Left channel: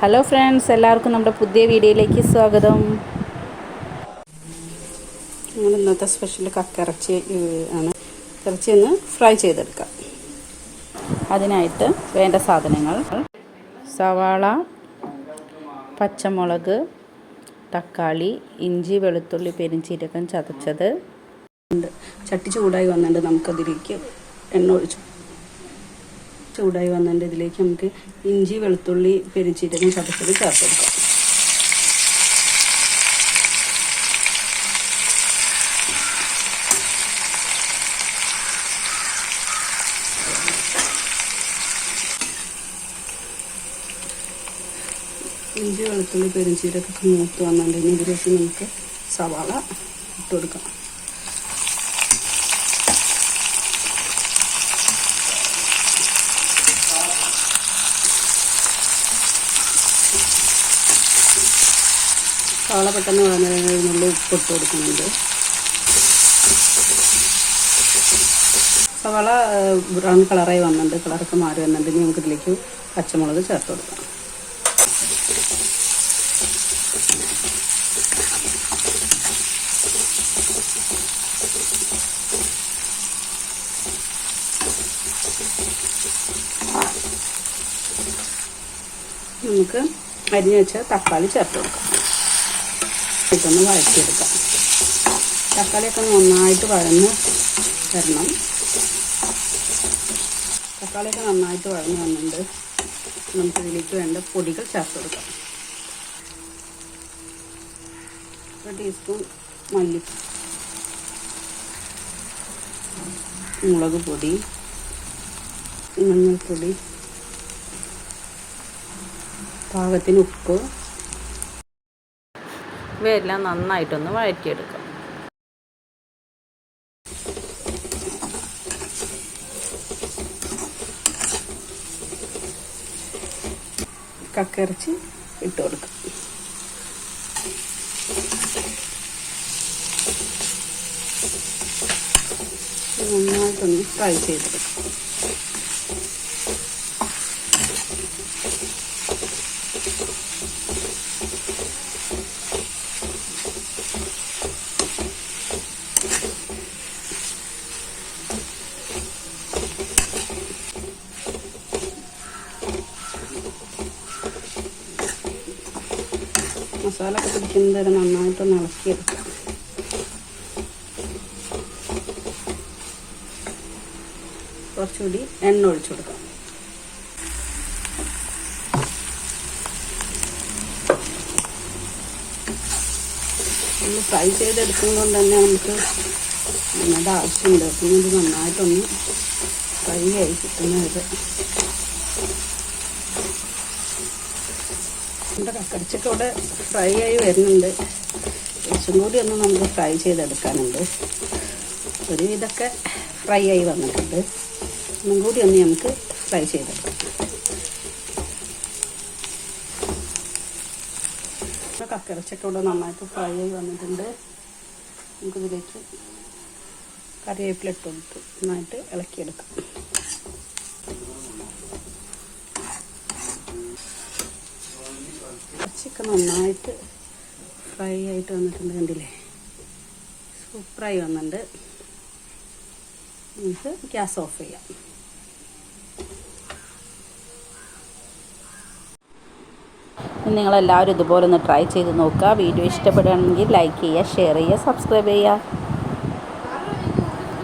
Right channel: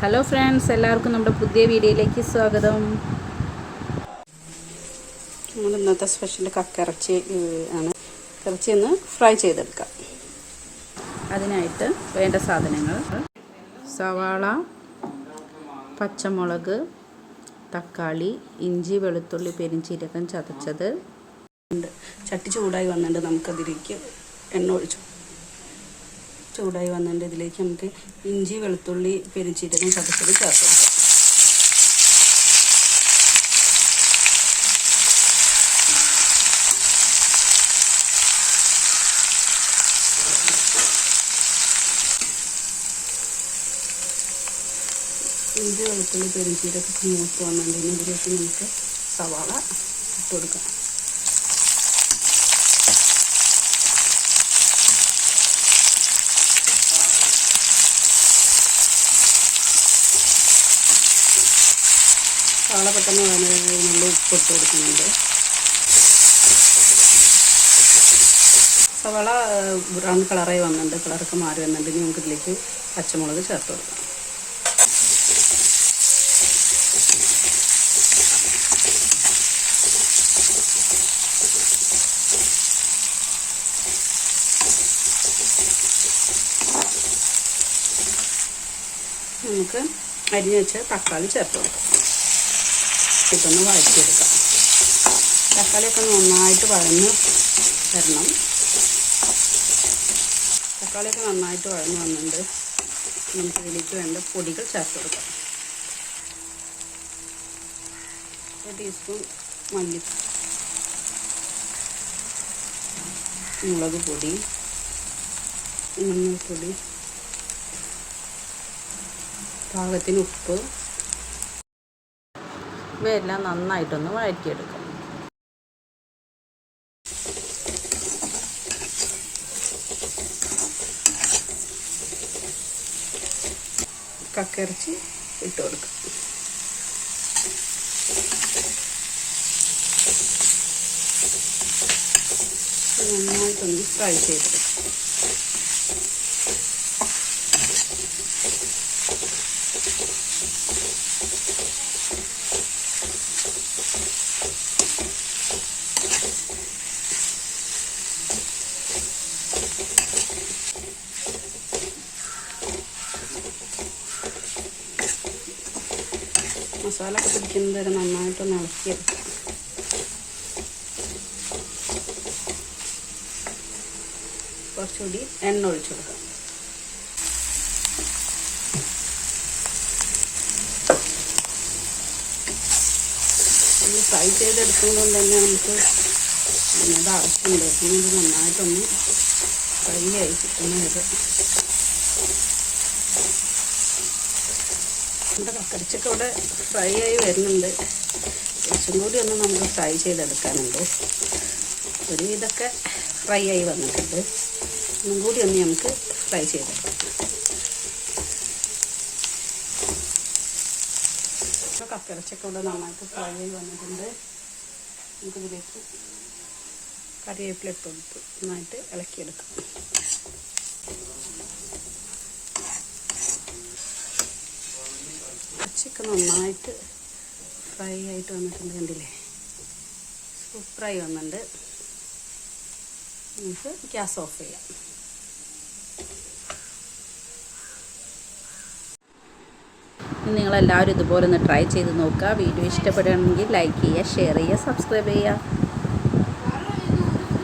Hello friends, എല്ലാവർക്കും നമ്മുടെ പുതിയ വീഡിയോയിലേക്ക് സ്വാഗതം. നമ്മൾ ഇന്നത്തെ സ്പെഷ്യൽ കക്കിറച്ചി ആണ്. ഇറച്ചി ഒന്ന് ഫ്രൈ ചെയ്തെടുക്കാം. അതിനായിട്ട് വേണ്ട സാധനങ്ങൾ: സവാള, പച്ചമുളക്, തക്കാളി, ഇഞ്ചി, വെളുത്തുള്ളി, പെരിഞ്ചീരകം ചതച്ചത് ഉണ്ട്. ചട്ടി ചൂടായി വന്നിട്ട് നമുക്കതിലേക്ക് എണ്ണ ഒഴിച്ചു. ചൂടായി വന്നിട്ട് ഇതിലേക്ക് നമുക്ക് ഇഞ്ചി, വെളുത്തുള്ളി, പെരിഞ്ചീരകം ചതച്ചത് ചേർത്ത് കൊടുക്കാം. ഇഞ്ചി, വെളുത്തുള്ളി, പെരിഞ്ചീരകം മൂത്ത് വന്നിട്ട് ഇതിലേക്ക് നമുക്ക് സവാള ഇട്ട് കൊടുക്കാം. സവാള പെട്ടെന്ന് വന്നതിനുള്ളിൽ ഉപ്പിട്ട് കൊടുക്കുന്നുണ്ട്. സവാള ബ്രൗൺ കളറായി വന്നിട്ടുണ്ട്, കളറൊക്കെ മാറി വന്നിട്ട് ഇനി നമുക്ക് ഇതിലേക്ക് പച്ചമുളക് ചേർത്ത് കൊടുക്കാം. നമുക്ക് അരിഞ്ഞ് വെച്ച തക്കാളി ചേർത്ത് കൊടുക്കാം. ഇതൊന്ന് വഴറ്റിയെടുക്കാം. തക്കാളിയൊക്കെ നന്നായിട്ട് വഴന്ന് വരണം. തക്കാളിയൊക്കെ നന്നായിട്ട് വഴന്ന് വന്നിട്ടുണ്ട്. നമുക്ക് ഇതിലേക്ക് വേണ്ട പൊടികൾ ചേർത്ത് കൊടുക്കാം. 1 ടീസ്പൂൺ മുളക് പൊടി, മഞ്ഞൾപ്പൊടി, പാകത്തിന് ഉപ്പ്. ഇവയെല്ലാം നന്നായിട്ടൊന്ന് വഴറ്റിയെടുക്കാം. കക്കിറച്ചി ഇട്ട് കൊടുക്കാം. നന്നായിട്ടൊന്ന് ഫ്രൈ ചെയ്തെടുക്കാം. മസാല ഒക്കെ പിടിക്കുന്നത് വരെ നന്നായിട്ടൊന്ന് ഇളക്കിയെടുക്കാം. കുറച്ചുകൂടി എണ്ണ ഒഴിച്ചു കൊടുക്കാം. ഇത് ഫ്രൈ ചെയ്തെടുക്കുന്നത് കൊണ്ട് തന്നെ നമുക്ക് എണ്ണയുടെ ആവശ്യമുണ്ട്. പിന്നെ ഇത് നന്നായിട്ടൊന്ന് ഫ്രൈ ആയി കിട്ടുന്ന വരെ നമ്മുടെ കക്കിറച്ചിയൊക്കെ ഇവിടെ ഫ്രൈ ആയി വരുന്നുണ്ട്. കുറച്ചും കൂടി ഒന്ന് നമുക്ക് ഫ്രൈ ചെയ്തെടുക്കാനുണ്ട്. ഒരുവിധമൊക്കെ ഫ്രൈ ആയി വന്നിട്ടുണ്ട്. ഒന്നും കൂടി ഒന്ന് നമുക്ക് ഫ്രൈ ചെയ്തെടുക്കാം. കക്കിറച്ചിയൊക്കെ ഇവിടെ നന്നായിട്ട് ഫ്രൈ ആയി വന്നിട്ടുണ്ട്. നമുക്കിതിലേക്ക് കറിവേപ്പില ഇട്ട് കൊടുത്ത് നന്നായിട്ട് ഇളക്കിയെടുക്കാം. ഇറച്ചിയൊക്കെ നന്നായിട്ട് ഫ്രൈ ആയിട്ട് വന്നിട്ടുണ്ട്. കണ്ടില്ലേ, സൂപ്പറായി വന്നിട്ടുണ്ട്. നമുക്ക് ഗ്യാസ് ഓഫ് ചെയ്യാം. നിങ്ങളെല്ലാവരും ഇതുപോലെ ഒന്ന് ട്രൈ ചെയ്ത് നോക്കുക. വീഡിയോ ഇഷ്ടപ്പെടുകയാണെങ്കിൽ ലൈക്ക് ചെയ്യുക, ഷെയർ ചെയ്യുക, സബ്സ്ക്രൈബ് ചെയ്യുക.